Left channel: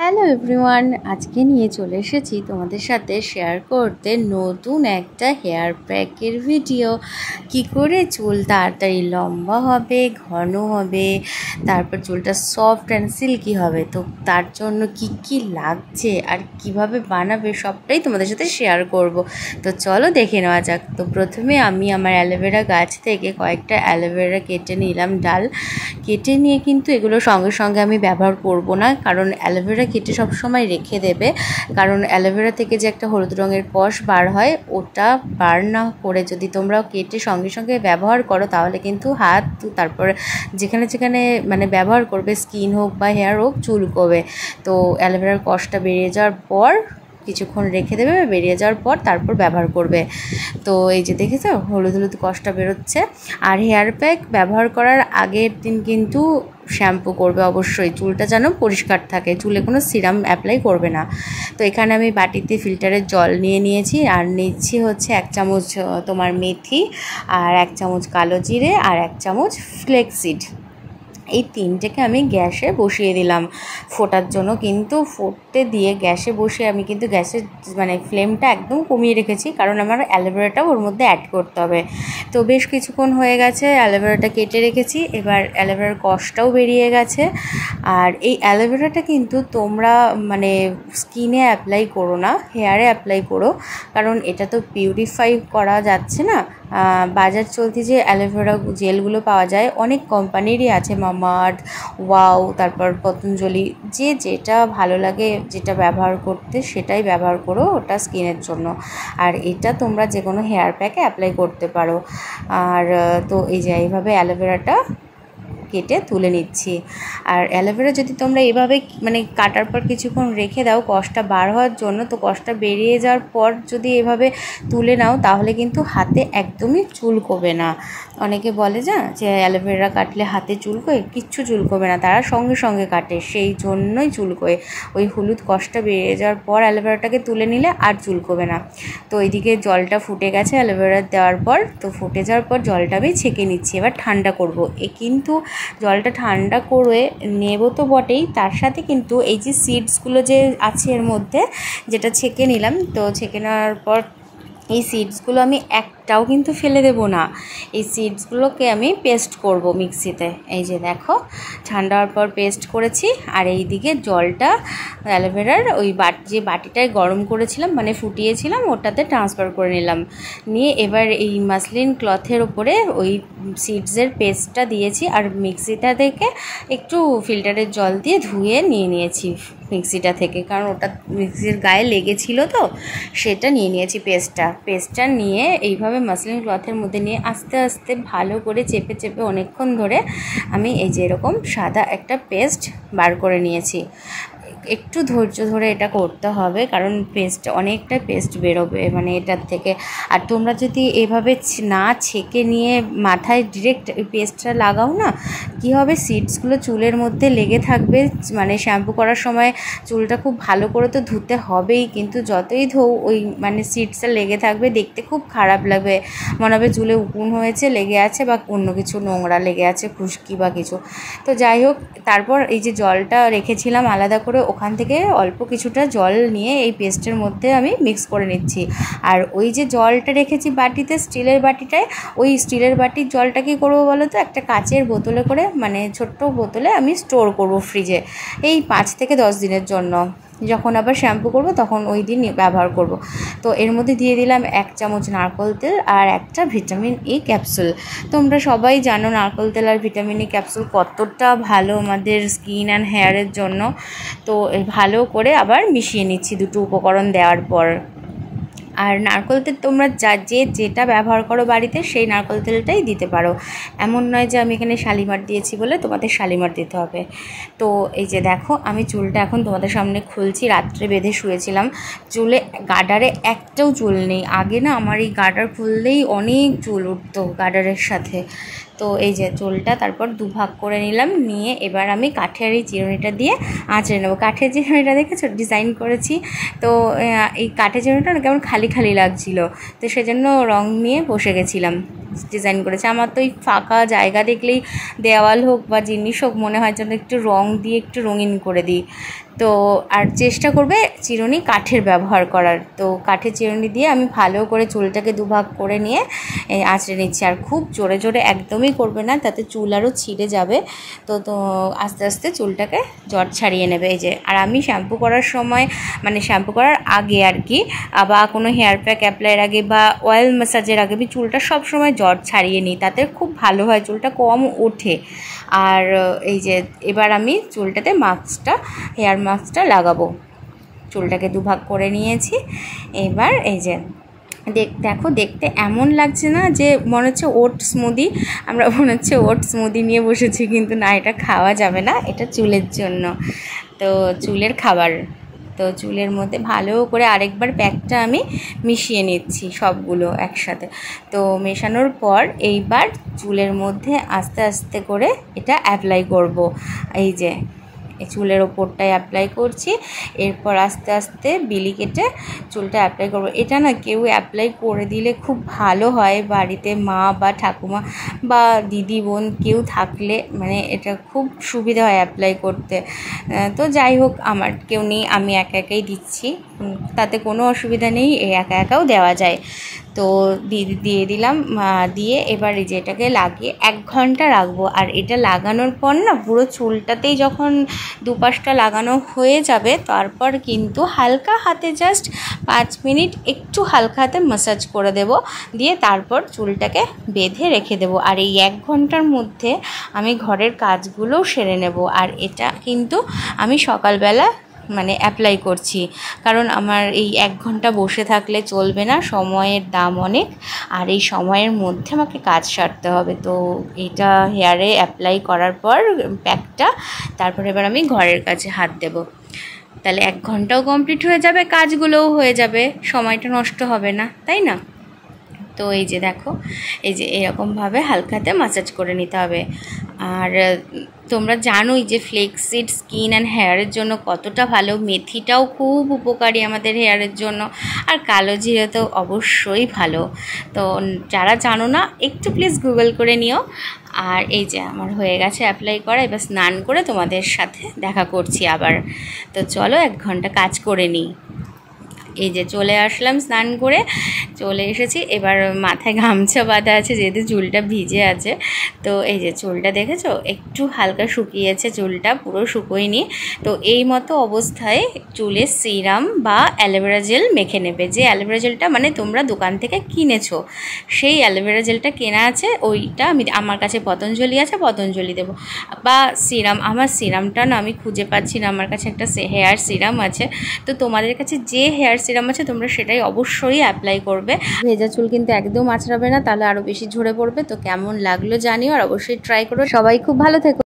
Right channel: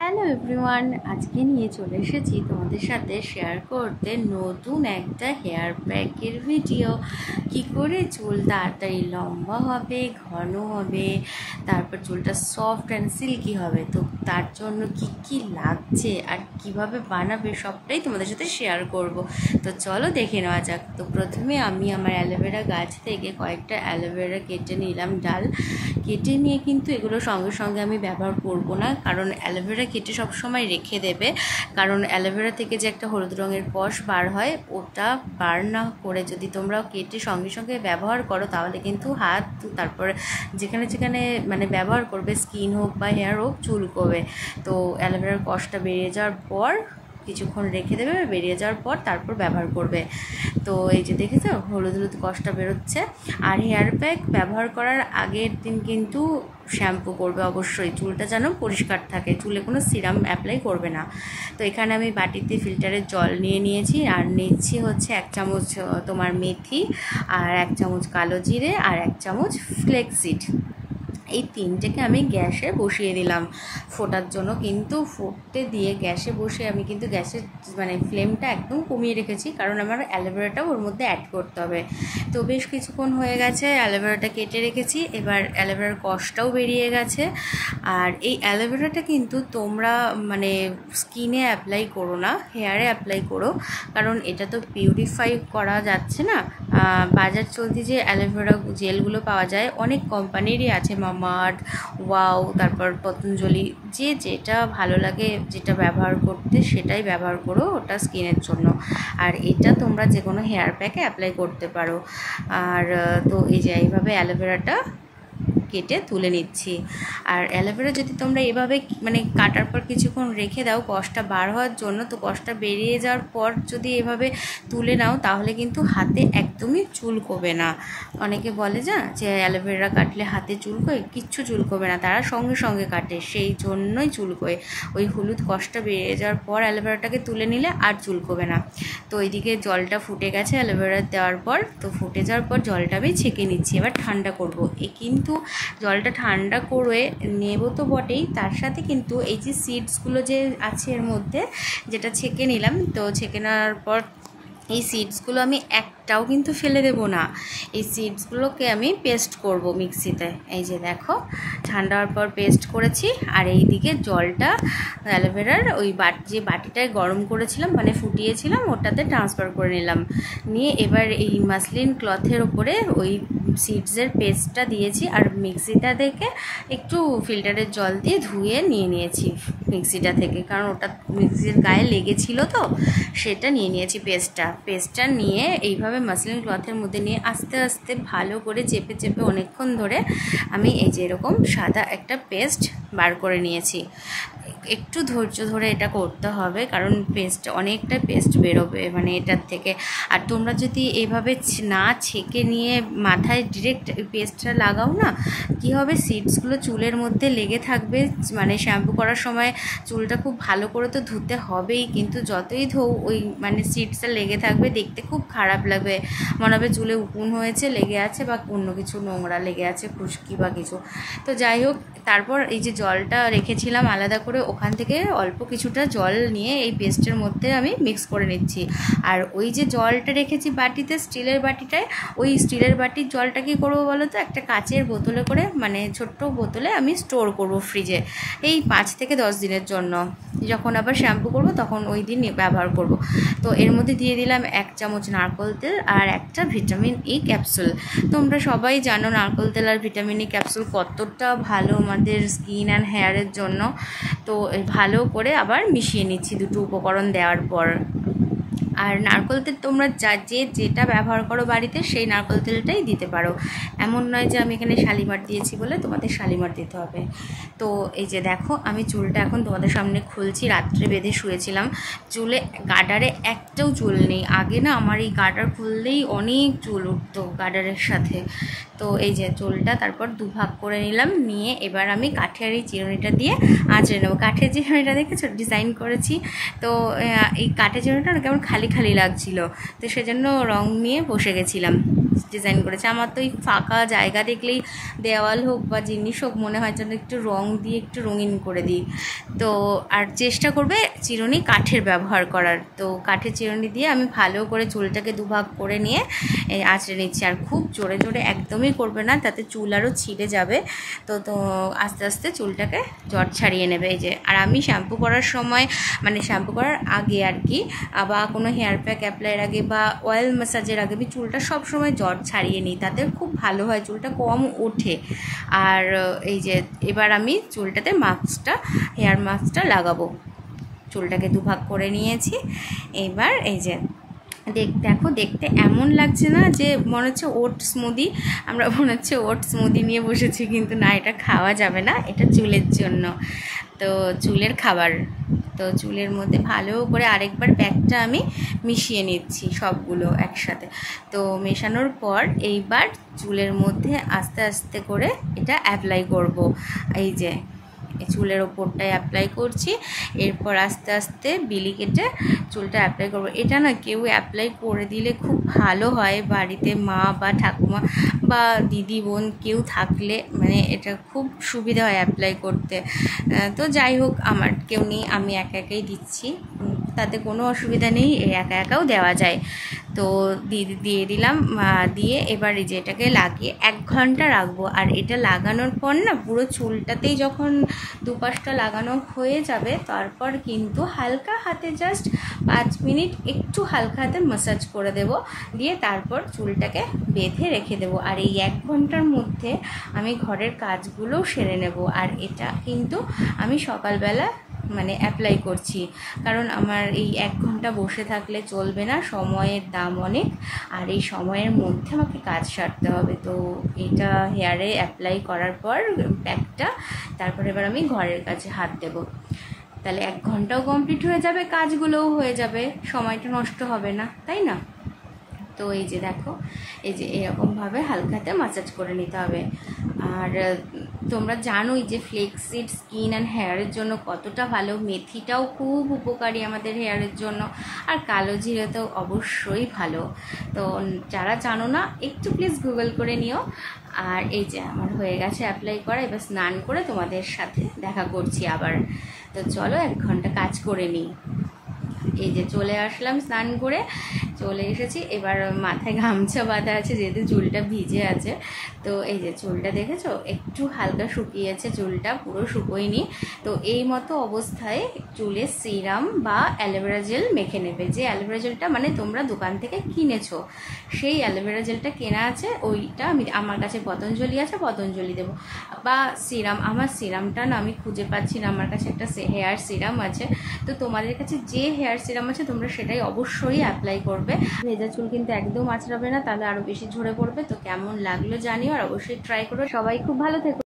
Hello everyone, আজকে নিয়ে চলে এসেছি তোমাদের সাথে শেয়ার করতে নতুন একটা হেয়ার প্যাকের ভিডিও। কি করে চুল তাড়াতাড়ি লম্বা হবে, ঘন হবে, তারপর চুলটা সফট অ্যান্ড সিল্কি হবে। তো তার জন্য কি লাগছে আর কিভাবে বানাবে সবটাই তোমাদের সাথে শেয়ার করব। তো চলো দেখে নেওয়া যাক। তো প্রথমে আমি আমার অ্যালোভেরা গাছ থেকে কয়েকটা অ্যালোভেরা কেটে নিলাম, ডাল কেটে নিয়ে কিন্তু এগুলো সঙ্গে সঙ্গে আমি ব্যবহার করব না, কারণ অ্যালোভেরা কেটে সবসময় রেখে দেবে। কারণ অ্যালোভেরা থেকে যে একটা হলুদ রঙের কষ বার হয়, ওটা বার না করে যদি তোমরা কেটে সঙ্গে সঙ্গে ব্যবহার করো তাহলে কিন্তু হাত, তারপর যেখানে যেখানে মানে ব্যবহার করবে, স্কিন হোক বা হেয়ার হোক, চুলকোবে। তো অ্যালোভেরার কষটা বেরিয়ে যাওয়ার পর কিছুক্ষণ রেখে দেবে, বেরিয়ে যাওয়ার পর তারপর ব্যবহার করবে। তো এই যে দেখেছো হলুদ হলুদ কষটা বেরোচ্ছে। আর হেয়ার প্যাক ব্যবহার করার আগের দিন কিন্তু শ্যাম্পু করবে অবশ্যই, চুলটা যেন পরিষ্কার থাকে, চুলে কোনো সিরাম অ্যাপ্লাই করবে না। তো এখানে আমি বাটিতে ফিল্টারের জল নিয়ে নিয়েছি, আর নিচ্ছি হচ্ছে 1 চামচ তোমার মেথি, আর 1 চামচ কালো জিরে, আর 1 চামচ ফ্লেক্সিড। এই তিনটেকে আমি গ্যাসে বসিয়ে দিলাম ফোটার জন্য। কিন্তু ফুটতে দিয়ে গ্যাসে বসে আমি কিন্তু গ্যাসের মানে ফ্লেমটা একদম কমিয়ে রেখেছি, কারণ আমার অ্যালোভেরাটাও ওর মধ্যে অ্যাড করতে হবে। তো বেশ কিছুক্ষণ হয়ে গেছে, অ্যালোভেরাটা কেটে রেখেছি, এবার অ্যালোভেরার কষটাও বেরিয়ে গেছে। আর এই অ্যালোভেরাটা কিন্তু তোমরা মানে স্কিনে অ্যাপ্লাই করো না, হেয়ারে অ্যাপ্লাই করো, কারণ এটা তো পিউরিফাই করা যাচ্ছে না। বাজার চলতি যে অ্যালোভেরা জেলগুলো পাওয়া যায় অনেক কোম্পানিরই আছে, মামাআর্থ, ওয়াও, তারপর পতঞ্জলি, যে যেটা ভালো লাগে যেটা ব্যবহার করতে সেটাই ব্যবহার করো, ওটা স্কিনের জন্য। আর এটা তোমরা যে কোনো হেয়ার প্যাকে অ্যাপ্লাই করতে পারো। আর তো এই যে এইভাবে অ্যালোভেরাটা কেটে তুলে নিচ্ছি। আর অ্যালোভেরা যদি তোমরা এভাবে মানে কাটার পর কিছুক্ষণ রেখে দাও কষটা বার হওয়ার জন্য, তো কষটা বেরিয়ে যাওয়ার পর যদি এভাবে তুলে নাও তাহলে কিন্তু হাতে একদমই চুলকোবে না। অনেকে বলে যে অ্যালোভেরা কাটলে হাতে চুলকোয়, কিচ্ছু চুলকোবে না, তারা সঙ্গে সঙ্গে কাটে, সেই জন্যই চুলকোয়। ওই হলুদ কষটা বেরিয়ে যাওয়ার পর অ্যালোভেরাটাকে তুলে নিলে আর চুলকোবে না। তো এইদিকে জলটা ফুটে গেছে অ্যালোভেরা দেওয়ার পর, তো ফুটে যাওয়ার পর জলটা আমি ছেঁকে নিচ্ছি, এবার ঠান্ডা করব। কিন্তু জলটা ঠান্ডা করে নেব তো বটেই, তার সাথে কিন্তু এই যে সিডসগুলো যে আছে এর মধ্যে, যেটা ছেঁকে নিলাম, তো ছেঁকে নেওয়ার পর এই সিডসগুলো আমি একটাও কিন্তু ফেলে দেব না। এই সিডসগুলোকে আমি পেস্ট করব মিক্সিতে। এই যে দেখো ঠান্ডা হওয়ার পর পেস্ট করেছি। আর এই দিকে জলটা অ্যালোভেরার ওই যে বাটিটায় গরম করেছিলাম মানে ফুটিয়েছিলাম, ওটাতে ট্রান্সফার করে নিলাম। নিয়ে এবার এই মাসলিন ক্লথের ওপরে ওই সিডসের পেস্টটা দিয়েছি, আর মিক্সিটা থেকে একটু ফিল্টারের জল দিয়ে ধুয়ে নিয়ে নিয়েছি মিক্সিটা থেকে, কারণ ওটা মিক্সির গায়ে লেগেছিল, তো সেটা নিয়ে নিয়েছি পেস্টটা নিয়ে এইভাবে মাসলিন ক্লথের মধ্যে নিয়ে আস্তে আস্তে ভালো করে চেপে চেপে অনেকক্ষণ ধরে আমি এই যে এরকম সাদা একটা পেস্ট বার করে নিয়েছি। একটু ধৈর্য ধরে এটা করতে হবে, কারণ অনেকটা পেস্ট বেরোবে মানে এটার থেকে। আর তোমরা যদি এভাবে না ছেঁকে নিয়ে মাথায় ডিরেক্ট ওই পেস্টটা লাগাও না, কী হবে, সিডসগুলো চুলের মধ্যে লেগে থাকবে, মানে শ্যাম্পু করার সময় চুলটা খুব ভালো করে তো ধুতে হবেই, কিন্তু যতই ধোও ওই মানে সিডসটা লেগে থাকবে, দেখতে খুব খারাপ লাগবে, মনে হবে চুলে উকুন হয়েছে, লেগে আছে, বা অন্য কিছু নোংরা লেগে আছে, খুশকি বা কিছু। তো যাই হোক, তারপর এই যে জলটা রেখেছিলাম আলাদা করে, ওখান থেকে অল্প কিছুটা জল নিয়ে এই পেস্টের মধ্যে আমি মিক্স করে নিচ্ছি। আর ওই যে জলটা রেখেছি বাটিতে, স্টিলের বাটিটায়, ওই স্টিলের বাটির জলটা কী করবো বলো তো, একটা কাচের বোতলে করে মানে ছোট্ট বোতলে আমি স্টোর করব ফ্রিজে, এই 5 থেকে 10 দিনের জন্য। যখন আবার শ্যাম্পু করব তখন ওই দিন ব্যবহার করব। তো এর মধ্যে দিয়ে দিলাম 1 চামচ নারকেল তেল আর একটা ভিটামিন ই ক্যাপসুল। তোমরা সবাই জানো নারকেল তেল আর ভিটামিন ই ক্যাপসুল কতটা ভালো আমাদের স্কিন অ্যান্ড হেয়ারের জন্য। তো ভালো করে আবার মিশিয়ে নিচ্ছি দুটো উপকরণ দেওয়ার পর। আর নারকেল তেল তোমরা যেটা ব্যবহার করো বাড়িতে সেই নারকেল তেলটাই দিতে পারো, এমন নয় যে আমি এখানে শালিমার দিয়েছি বলে তোমাদের শালিমার দিতে হবে। তো এই যে দেখো আমি চুলটা এখন তোমাদের সামনে খুলছি, রাত্রে বেঁধে শুয়েছিলাম, চুলে গার্ডারে একটাও চুল নেই। আগে না আমার এই গার্ডার খুললেই অনেক চুল উঠতো গার্ডারের সাথে। তো এই যে চুলটা তারপর দুভাগ করে নিলাম, নিয়ে এবার আমি কাঠের এই চিরুনিটা দিয়ে আঁচড়ে নেবো। কাঠের চিরুনিটা দেখেছো ডিজাইন করেছি, তো এই কাঠের চিরুনিটা কেমন খালি খালি লাগছিল, তো সেজন্য রং নিয়ে বসে গেছিলাম, ডিজাইন করেছি। আমার তো এই ফাঁকা জায়গা দেখলেই দেওয়াল হোক বা জিনিস হোক মনে হয় যেন একটু রং দিয়ে একটু রঙিন করে দিই। তো আর চেষ্টা করবে চিরুনি কাঠের ব্যবহার করার। তো কাঠের চিরুনি দিয়ে আমি ভালো করে চুলটাকে দুভাগ করে নিয়ে আঁচড়ে নিচ্ছি। আর খুব জোরে জোরে একদমই করবে না, তাতে চুল আরও ছিঁড়ে যাবে। তো আস্তে আস্তে চুলটাকে জট ছাড়িয়ে নেবে। এই যে, আর আমি শ্যাম্পু করার সময় মানে শ্যাম্পু করার আগে আর কি, বা কোনো হেয়ার প্যাক অ্যাপ্লাইয়ের আগে বা অয়েল ম্যাসাজের আগে আমি চুলটা সব সময় জট ছাড়িয়ে নিই, তাতে খুব ভালো হয়, চুলটা কম ওঠে। আর এই যে এবার আমি চুলটাতে হেয়ার মাস্কটা লাগাবো। চুলটাকে দুভাগ করে নিয়েছি। এবার এই যে দেখো, দেখতে এমন লাগছে না যে মনে হচ্ছে ওট স্মুদি, আমরা মনে হচ্ছে ওট স্মুদি নিয়ে বসেছি, কিন্তু না, এটা খাওয়া যাবে না, এটা চুলের জন্য, তো চুলের খাবার। তো চুলের মধ্যে ভালো করে আরেকবার প্যাকটা আমি মিশিয়ে নিচ্ছি সবগুলো একসাথে। তো মেশানোর পর এইবার চুলের মধ্যে আস্তে আস্তে করে এটা অ্যাপ্লাই করব। এই যে চুলের ওপরটায় অ্যাপ্লাই করছি, এরপর আস্তে আস্তে বিলি কেটে চুলটা অ্যাপ্লাই করব। এটা না কেউ অ্যাপ্লাই করে দিলে খুব ভালো হয়, বাড়িতে মা বা ঠাকুমা বা দিদি বোন কেউ থাকলে, মানে এটা খুব সুবিধা হয় অ্যাপ্লাই করতে। তো যাই হোক, আমার কেউ নেই, আমি একা একাই দিচ্ছি, তাতে কোনো অসুবিধা নেই, একা একাও দেওয়া যায়। তো দিয়ে দিলাম, দিয়ে এবার এই যে এটাকে লাগিয়ে 1 ঘন্টা রাখবো। আর এটা লাগানোর পর না পুরো চুলটাতেই যখন দুপাশটা লাগানো হয়ে যাবে, তারপর কিন্তু হালকা হাতে জাস্ট 5 মিনিট একটু হালকা হাতে ম্যাসাজ করে দেব, দিয়ে তারপর চুলটাকে বেঁধে রেখে দেব। আর এই 1 ঘন্টার মধ্যে আমি ঘরের কাজগুলোও সেরে নেব। আর এটা কিন্তু আমি সকালবেলা মানে অ্যাপ্লাই করছি, কারণ আমার এই 1 ঘন্টা বসে থাকলে চলবে না, সময়ের দাম অনেক, আর এই সময়ের মধ্যে আমাকে কাজ সারতে হবে। তো এটা হেয়ারে অ্যাপ্লাই করার পর প্যাকটা, তারপর এবার আমি ঘরের কাজে হাত দেব। তাহলে 1 ঘন্টাও কমপ্লিট হয়ে যাবে, কাজগুলোও হয়ে যাবে, সময়টা নষ্ট হবে না, তাই না? তো এই যে দেখো, এই যে এরকমভাবে হালকাতে ম্যাসাজ করে নিতে হবে। আর তোমরা জানোই যে ফ্লেক্সিড স্কিন অ্যান্ড হেয়ারের জন্য কতটা ভালো, মেথিটাও খুব উপকারী আমাদের হেয়ারের জন্য, আর কালো জিরে তো অবশ্যই ভালো। তো যারা জানো না, একটু প্লিজ গুগল করে নিও। আর এই যে আমার হয়ে গেছে অ্যাপ্লাই করা, এবার স্নান করে তোমাদের সাথে দেখা করছি আবার। তো চলো 1 ঘন্টা কাজ করে নিই। এই যে চলে আসলাম, স্নান করে চলে এসেছি। এবার মাথায় গামছা বাঁধা আছে, যেহেতু চুলটা ভিজে আছে। তো এই যে চুলটা দেখেছো, একটু হালকা শুকিয়েছে, চুলটা পুরো শুকোয়নি। তো এই মতো অবস্থায় চুলে সিরাম বা অ্যালোভেরা জেল মেখে নেবে। যে অ্যালোভেরা জেলটা মানে তোমরা দোকান থেকে কিনেছো, সেই অ্যালোভেরা জেলটা কেনা আছে, ওইটা আমার কাছে পতঞ্জলি আছে, পতঞ্জলি দেবো। বা সিরাম, আমার সিরামটা না আমি খুঁজে পাচ্ছি না, আমার কাছে একটা হেয়ার সিরাম আছে। তো তোমাদের কাছে যে হেয়ার সিরাম আছে তোমরা সেটাই অবশ্যই অ্যাপ্লাই করবে। ভেজা চুল কিন্তু একদম আঁচড়াবে না, তাহলে আরও বেশি ঝরে পড়বে। তো কেমন লাগলো জানিও, আর অবশ্যই ট্রাই করো। সবাই খুব ভালো থেকো।